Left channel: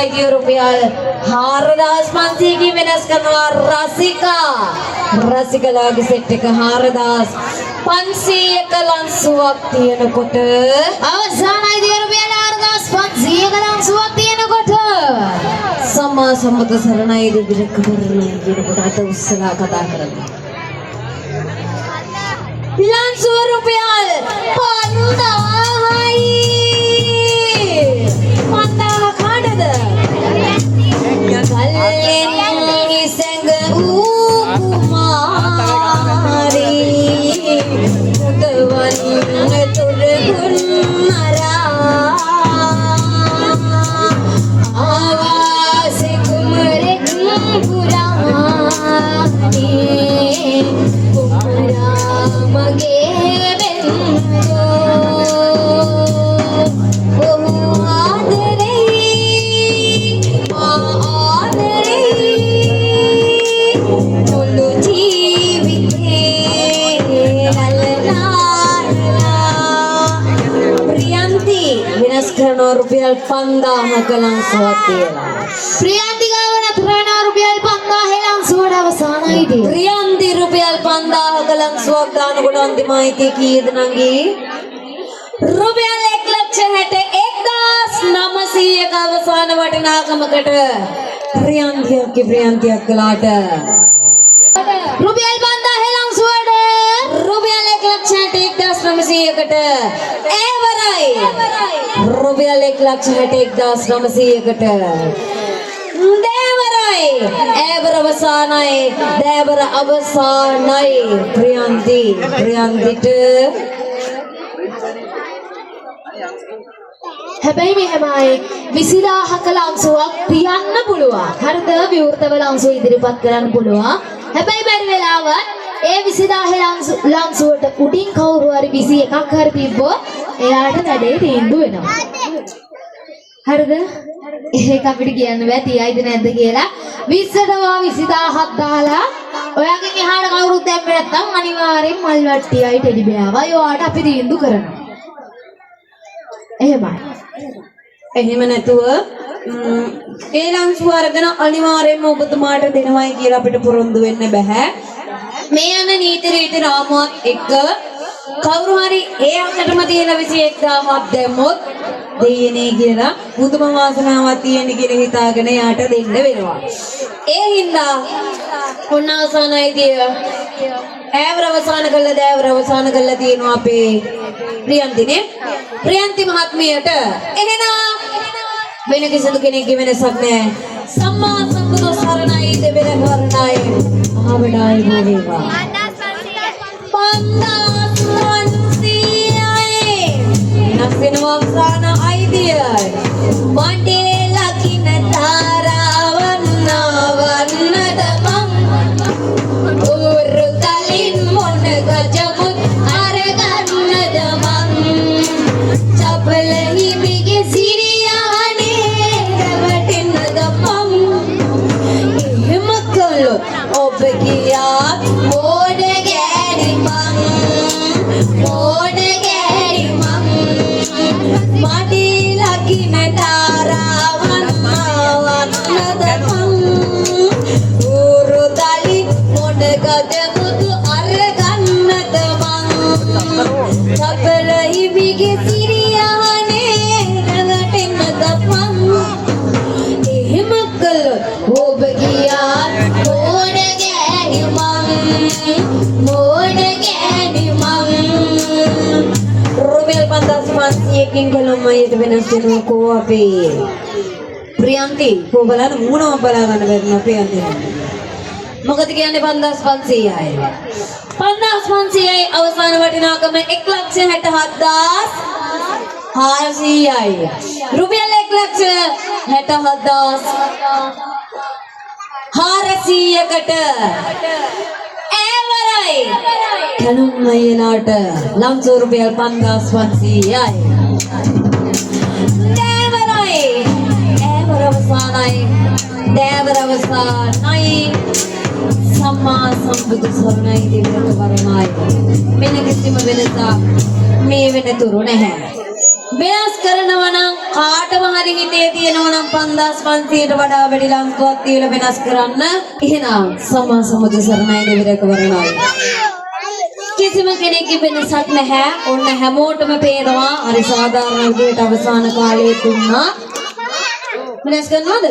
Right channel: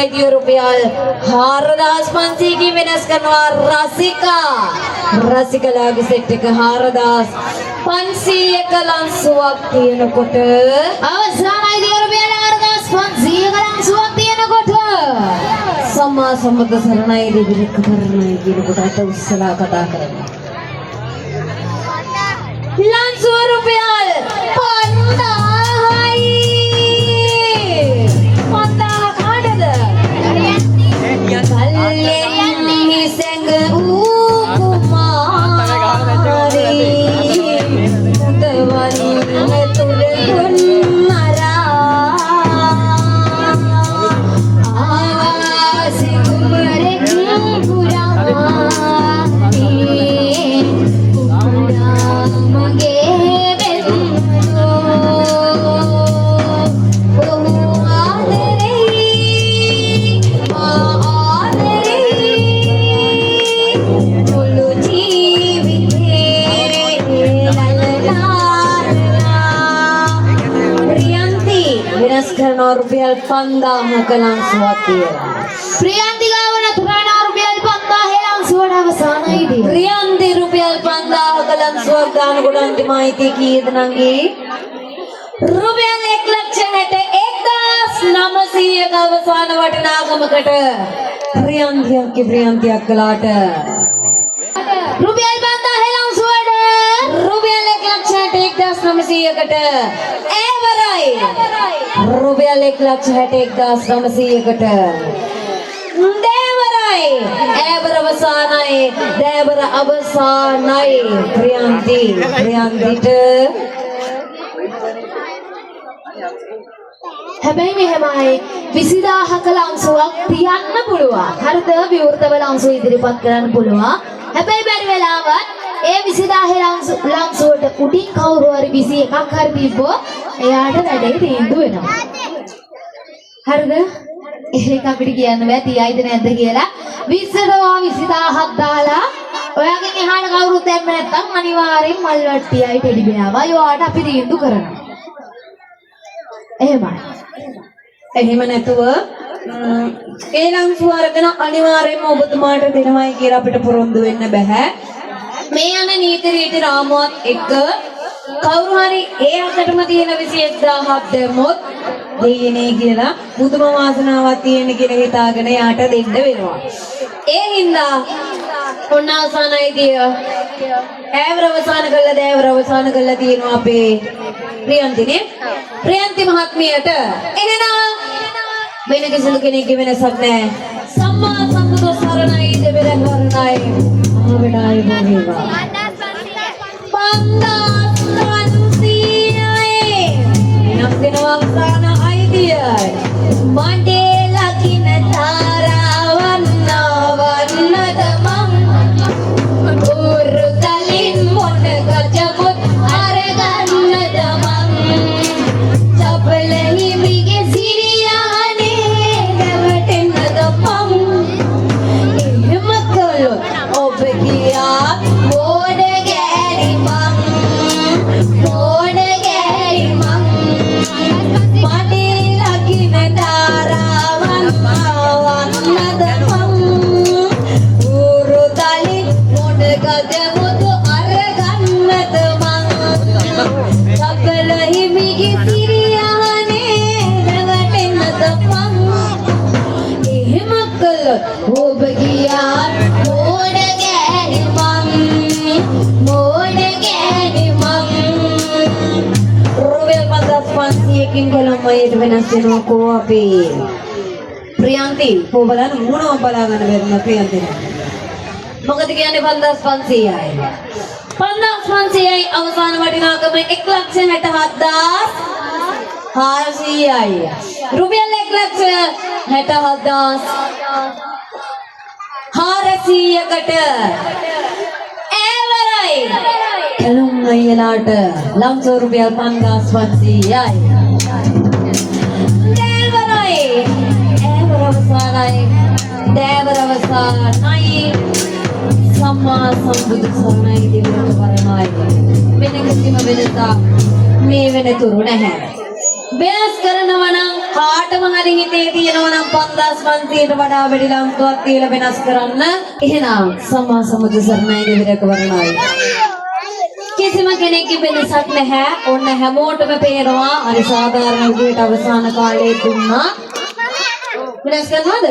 අවසානයේදී රුපියල් 4500 කින් වෙනස් කරනවා රසිකලාගේ සෙට් එක 4500ක ලන්සුවක් තියෙනකොට අවසානයේදී රුපියල් 4500ක ලන්සුවක් තියෙනකොට සම්මා සම්බුද්ධ සරණයි දෙවිලක කරණයි කියනකොට අත උස්සලා කතා කරනවා ලන්සුව රුපියල් 5000යි රුපියල් 5000ක ලන්සුවක් කියලා. ප්‍රියන්ති ගාවන තරණ රුපියල් 5000 ලන්සුවට අවසානයේදී. ප්‍රියන්ති රුපියල් 5000ක ලන්සුවක් ගන්නකොට අන්තිමයිති කීයද නංගි? රුපියල් 1,61,900ක අවසාන වටිනාකමකට ප්‍රියන්තියක් කළාට රුපියල් 5000 ලන්සුවට රුපියල් 1,61,900කට රුපියල් 1,61,900කට දේවර අවසානයි ප්‍රියන්තිට හැබැයි මෙහෙමයි 20000ක ලන්සුවක් තියන්න පුළුවන්. හරිද? විවෘතව ලන්සු ඉදිරිපත් කරන්න පුළුවන්. හැබැයි බැරි වෙලාවත් ඒ 20000 ලන්සුවට උඩින් කවුරු හරි 21ක් හරි තිබ්බොත් එයාට වැඩේ තීන්දුව වෙනවා. හරිද? ඒක අපිට කියන්න බෑ තියයිද නැද්ද කියලා. 20ටවා 20000ක් දාලා ඔයාගෙන් එහාට කවුරුත් දැම්මේ නැත්නම් අනිවාර්යෙන් මල් වට්ටියයි ටෙඩි බෑවා. ඒවට අපි තීන්දුව කරනවා. එහෙමයි. එහෙම නැතුව ඒ ලන්සුව අරගෙන අනිවාර්යෙන්ම ඔබතුමාට දෙනවයි කියලා අපිට පුරුදු වෙන්න බෑ. මේ යන නීති රීති රාමුවක් එක්ක කවුරු හරි ඒ අකටම තියෙන 21000ක් දැම්මොත් දෙන්නේ කියලා මුදුම වාසනාවක් තියෙන කියලා හිතාගෙන යාට දෙන්න වෙනවා. ඒ හින්දා ඔන්න අවසානයේදී ඈවර අවසාන කළා තියෙනවා අපේ ප්‍රියන්තිනේ. ප්‍රියන්ති මහත්මියට එහෙනම් වෙන කිසිදු කෙනෙක්ගේ වෙනසක් නැහැ. සම්මා සම්බුදු සරණයි දෙවියන් වරණයි ආවඩායි වේවා. 5000යි නස්කෙනවා අවසාන අයිතිය මණ්ඩේලා කින තාරවන්න වන්නද මං උරු තලින් මොන ගජමුත් අරගන්නද මං චපල හිමිගේ සිරියානේ රැවටෙන්නද මං එහෙම කළොත් ඔබ ගියා මොඩ ගෑනි මං මඩේලා කින තාරවන්න වන්නද මං උරු තලින් මොන ගජමුත් අරගන්නද මං චපල හිමිගේ සිරියානේ රැවටෙන්නද මං එහෙම කළොත් ඔබ ගියා මොඩ ගෑනි මං රුපියල් 5500කින් කලම්මයට වෙනස් වෙනවා කෝ අපේ ප්‍රියන්ති කෝ බලන්න මොනව බලා ගන්න බැරිම ප්‍රියන්ති මොකද කියන්නේ 5500යි 5500යි අවසාන වටිනාකම 1,67,400යි රුපියල් 1,67,400කට ඈවරයි කලුම් වේලාට ලම්සෝ රුපියල් 5500යි දේවර අවසානයි සම්මා සම්බුදු සරණයි දෙවියන් වරණයි මෙන්න කිසිම වෙනසක් මේ වෙනතුරු නැහැ වෙනස් කරනවා නම් කාටම හරි හිතේ ප්‍රමාණය තියෙනවා නම් 5500ට වඩා වැඩි ලංසුවක් තියලා වෙනස් කරන්න. එහෙනම් සම්මා සම්බුදු සරණයි දෙවියක වරණයි. කිසිම කෙනෙක්ගේ වෙනසක් නැහැ. ඔන්න හැමෝටම පේනවා හරි සාධාරණ විදිහට අවසාන කාලයේ දුන්නා. වෙනස් කරනවද?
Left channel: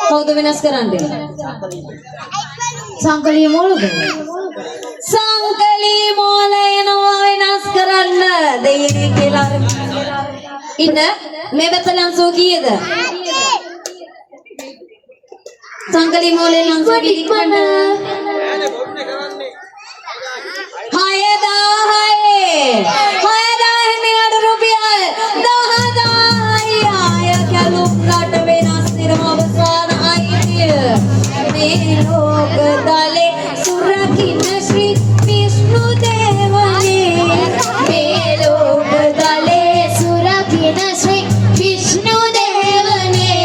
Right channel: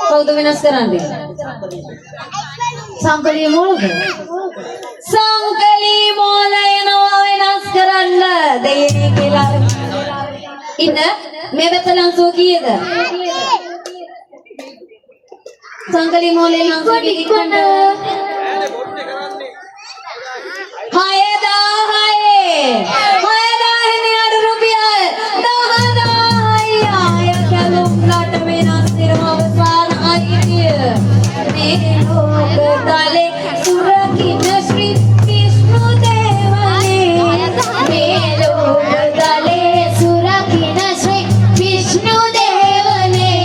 කවුද වෙනස් කරන්නේ? සංකලිය මොළද? සංකලී මෝල එනවා වෙනස් කරන්න. දෙයනේ කියලා. ඉන්න මේ වෙත ලංසුව කීයද? සංකලී මෝලේ ලංසුව කිව්වද? 6000 අඩු රුපියල් 10000යි ආය කැලුම් රට වෙනස් වෙනවා අවසාන අයිතිය මේ ලෝක තලේ සුරකින්න ශ්‍රී විෂ්ණු දේවනේ මේ ලෝක තලේ සුරකින ශ්‍රී විෂ්ණු දේවනේ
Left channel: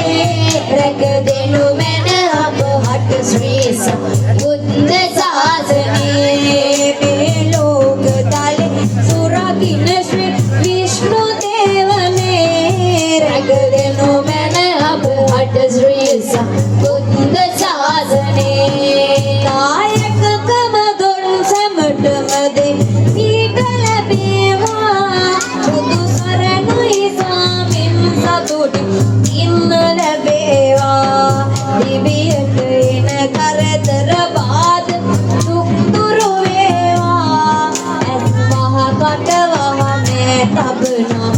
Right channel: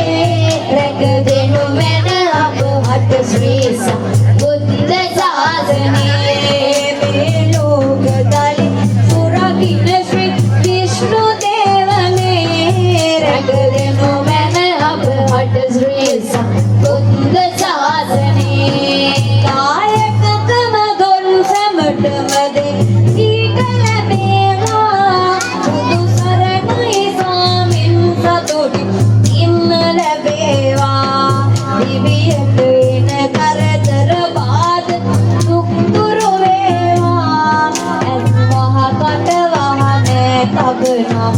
රැක දෙනු මැන අපවට ශ්‍රී සම්බුද්ධ ශාසනයේ මේ ලෝක තලේ සුරකින්න ශ්‍රී විෂ්ණු දේවනේ රැක දෙනු මැන අපවට ශ්‍රී සම්බුද්ධ ශාසනයේ කායකකම දොන් සැමටම දේ ඊට ලැබේවා බුදු සරණයි සාමින් සතුටි ඉන්න ලැබේවා දිවියට එන කරදර බාධ දුක් දුරු වේවා ඇස් මහ කට වහනේ තබනා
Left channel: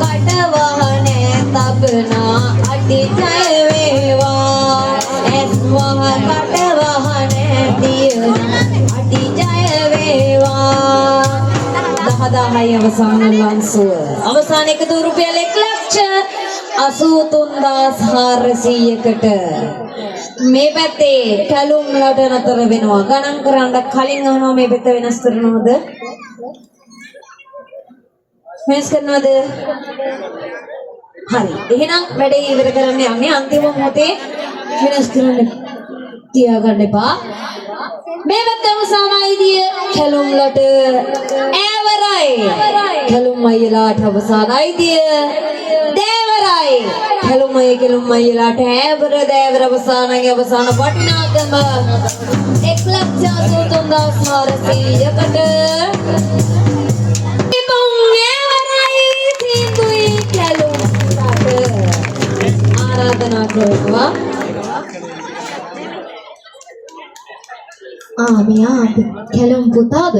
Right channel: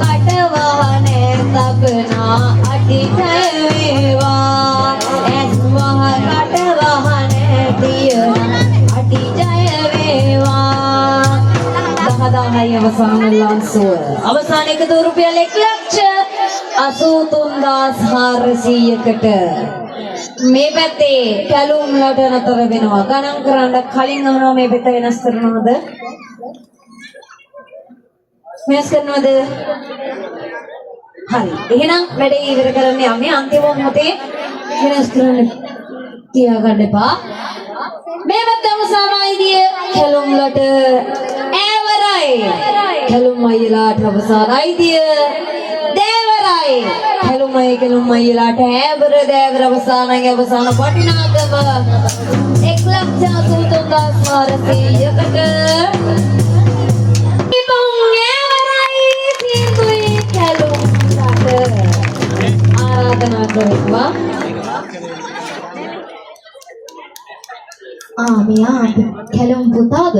කට වහනේ තබනා අටි ජය වේවා ඇස් මහ කට වහනේ තියන අටි ජය වේවා 10000යි අවසාන ලංසුව අවසාන එකතු රුපියල් 1,83,400කට මේ පැත්තේ කැලුම් ලඩ නතර වෙනවා ගණන් කරන්න කලින් අහනවා මේ පැත්ත වෙනස් කරනවද වෙනස් කරනවද හරි එහෙනම් වැඩේ ඉවර කරන්න යන්නේ අන්තිම මොහොතේ වෙනස් කරන්න තියාගන්න එපා මේ පැත්තම සමායිදිය කැලුම් ලඩ ඈවරයි කැලුම් අයියලාට අවසාන අයිතිය දේවරයි කැලුම් අයියලාට ඈවර දේවර අවසානයි අවසාන වටිනාකම 1,83,400කට ආරාධනා කරනවා මෙයා කැලුම් පුතාද?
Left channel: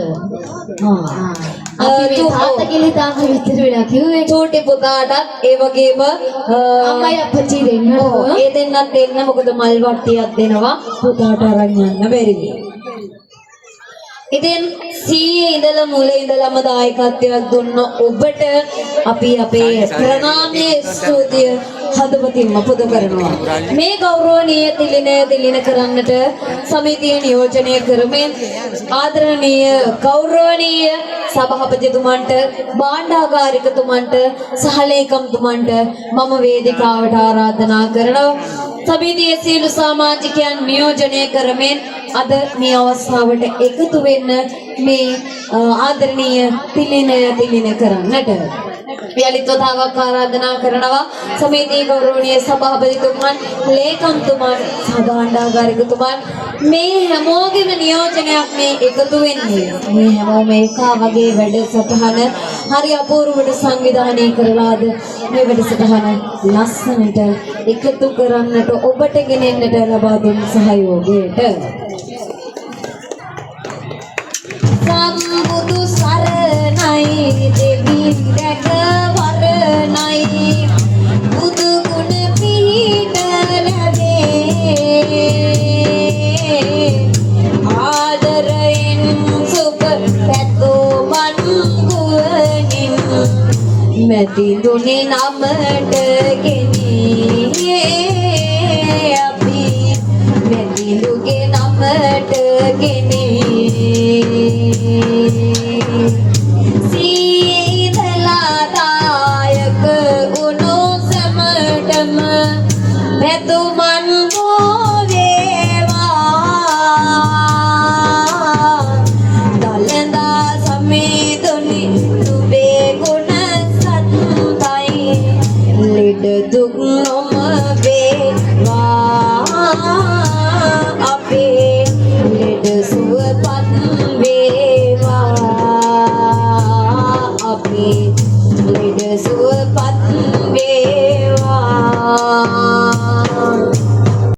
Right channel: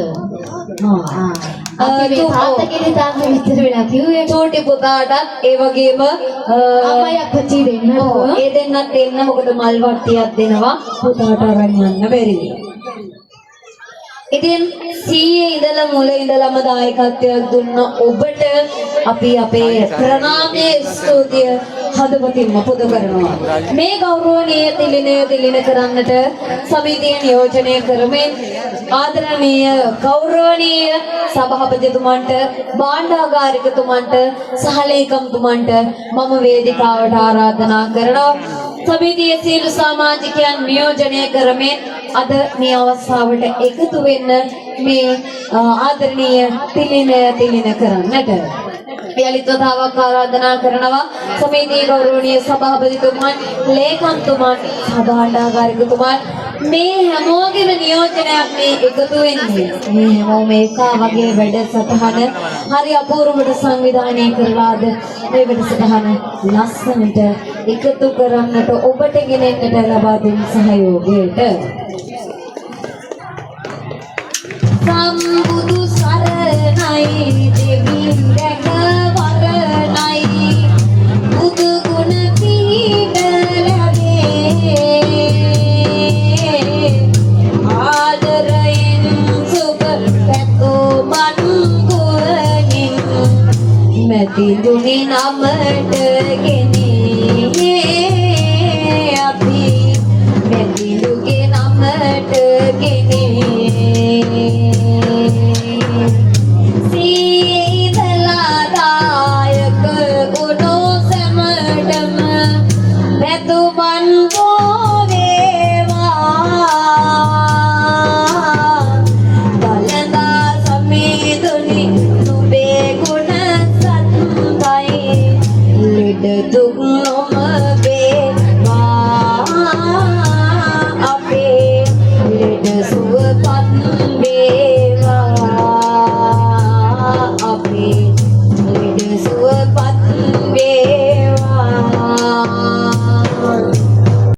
අපි මේ තාත්තගේ තාත්ත විතර වෙලා කිව්වේ චූටි පුතාටත් ඒ වගේම අම්මයි අප්පච්චි දෙන්නට ඒ දෙන්නත් දෙන්න මොකද මල් වට්ටියක් දෙනවා පුතාට අරන් යන්න බැරිද ඉතින් සීයේ ඉඳලා මුල ඉඳලම දායකත්වයක් දුන්න ඔබට අපි අපේ ප්‍රණාමයේ ස්තුතිය හදවතින්ම පුද කරනවා මේ ගෞරවනීය තිලින කරන්නට සමිතිය නියෝජනය කරමින් ආදරණීය ගෞරවනීය සභාපතිතුමන්ට භාණ්ඩාගාරිකතුමන්ට සහලේකම්තුමන්ට මම වේදිකාවට ආරාධනා කරනවා සමිතියේ සියලු සමාජිකයන් නියෝජනය කරමින් අද මේ අවස්ථාවට එකතු වෙන්න මේ ආදරණීය තිලින කරන්නට යලිත් වතාවක් ආරාධනා කරනවා සමිතියේ ගෞරවනීය සභාපතිතුමන් ලේකම්තුමන් සභාණ්ඩාගාරිකතුමන් මේ හැමෝගෙම නියෝජනයක් මේ එකතු වෙන්නේ මේ හැමෝම එකා වගේ වැඩසටහන හරි අපූර්වවට සංවිධානය කරලාද මේ වැඩසටහන ලස්සනට එකතු කරන්නට ඔබට ගෙනෙන්නට ලබා දෙන සහයෝගයට සම්බුදු සරණයි දෙවියන් දැක වරණයි බුදු ගුණ පීඩ ලැබේ ආදරයෙන් සුබ පැතෝ මන් කුවනින් මැති දුනි නමට